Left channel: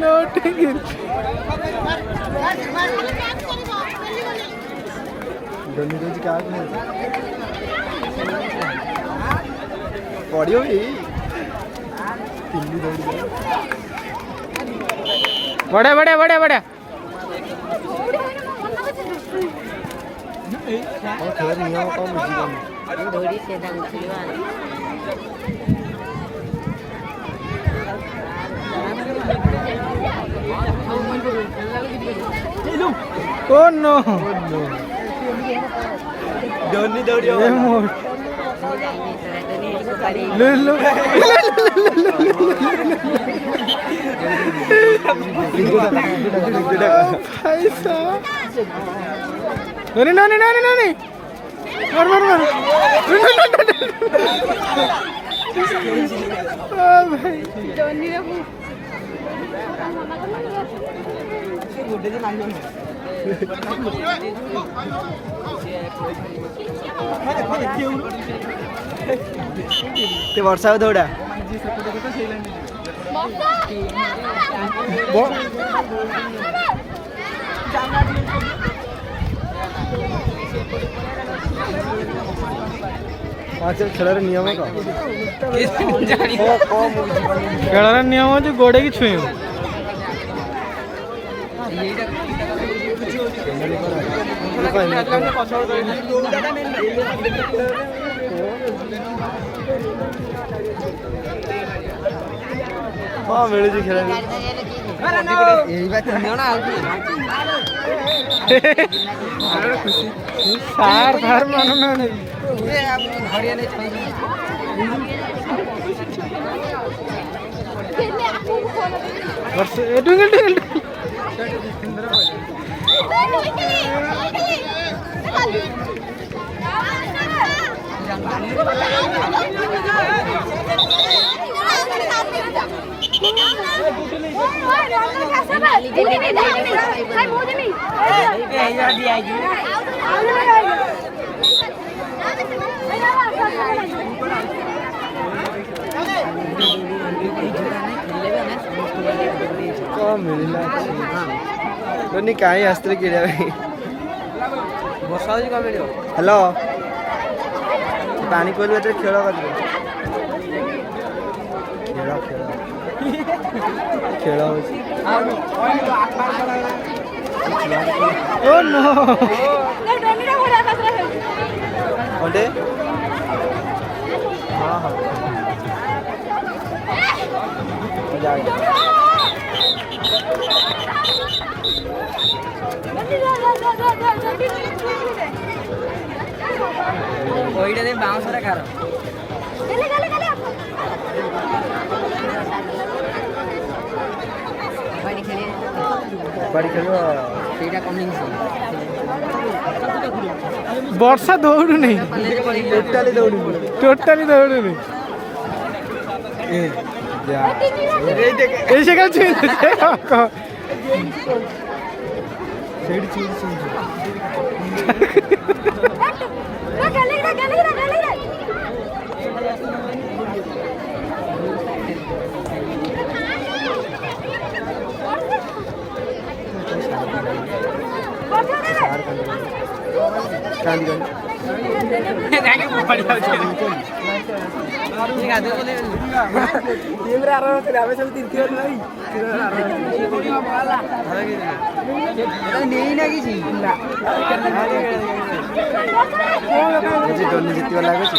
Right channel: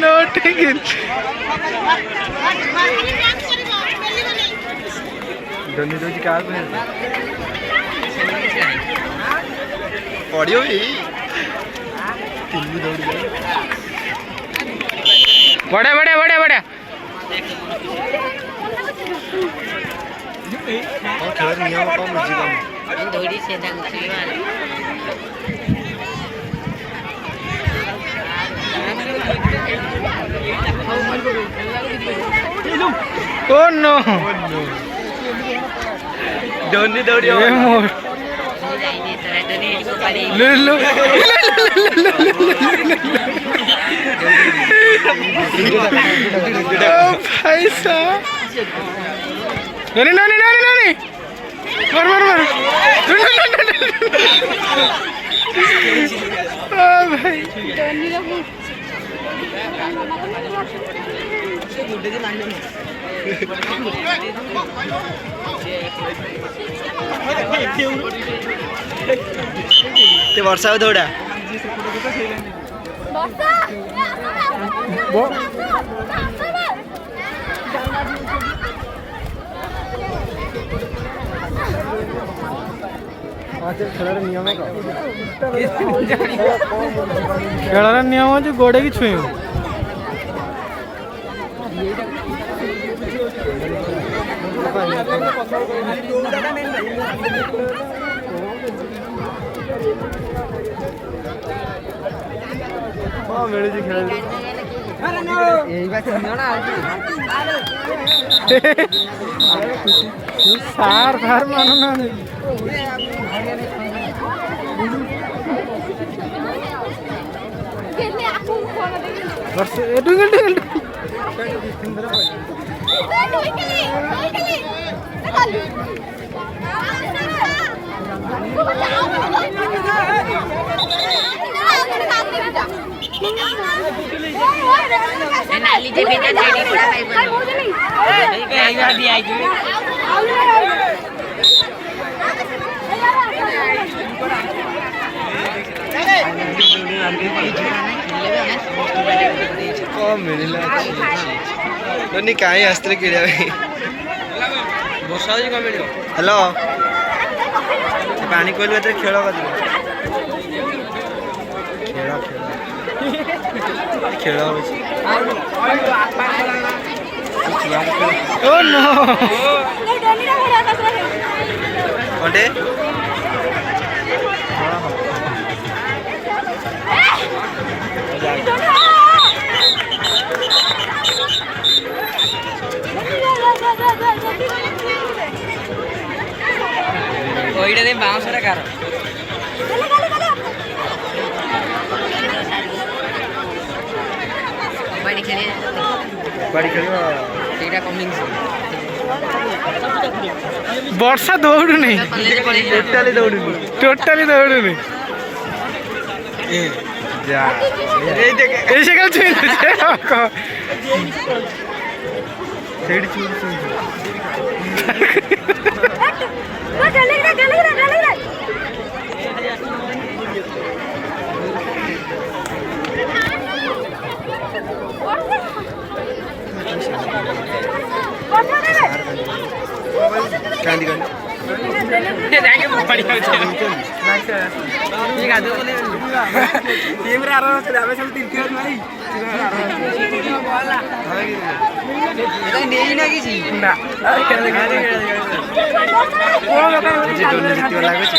No ticket Downey रोज का पड़ियो भी बड़े बड़े बड़े बड़े खेल नियम कम बुझी धोड़ी से उठेवार Oh no! Doni dori Lulu. Oh, भाई साहब. नहीं. मार. Oh भाई. ते वर्षा दौड़ा खेलार नियम खेलार नियम हो गोड़े की छुई हाँ मिले खेल सार मानो ना मिलला दोनी काई अस्त्र किड़ा वर्षा जी का मिलियो हेलो पानी कोइल खेल कर खेल ओ नो कंटे हाँ बाउंसर कार कबड्डी खेलियो वर्षा दौड़ नहीं टोटाली दौड़ नहीं ऐसे कल छुई लगुच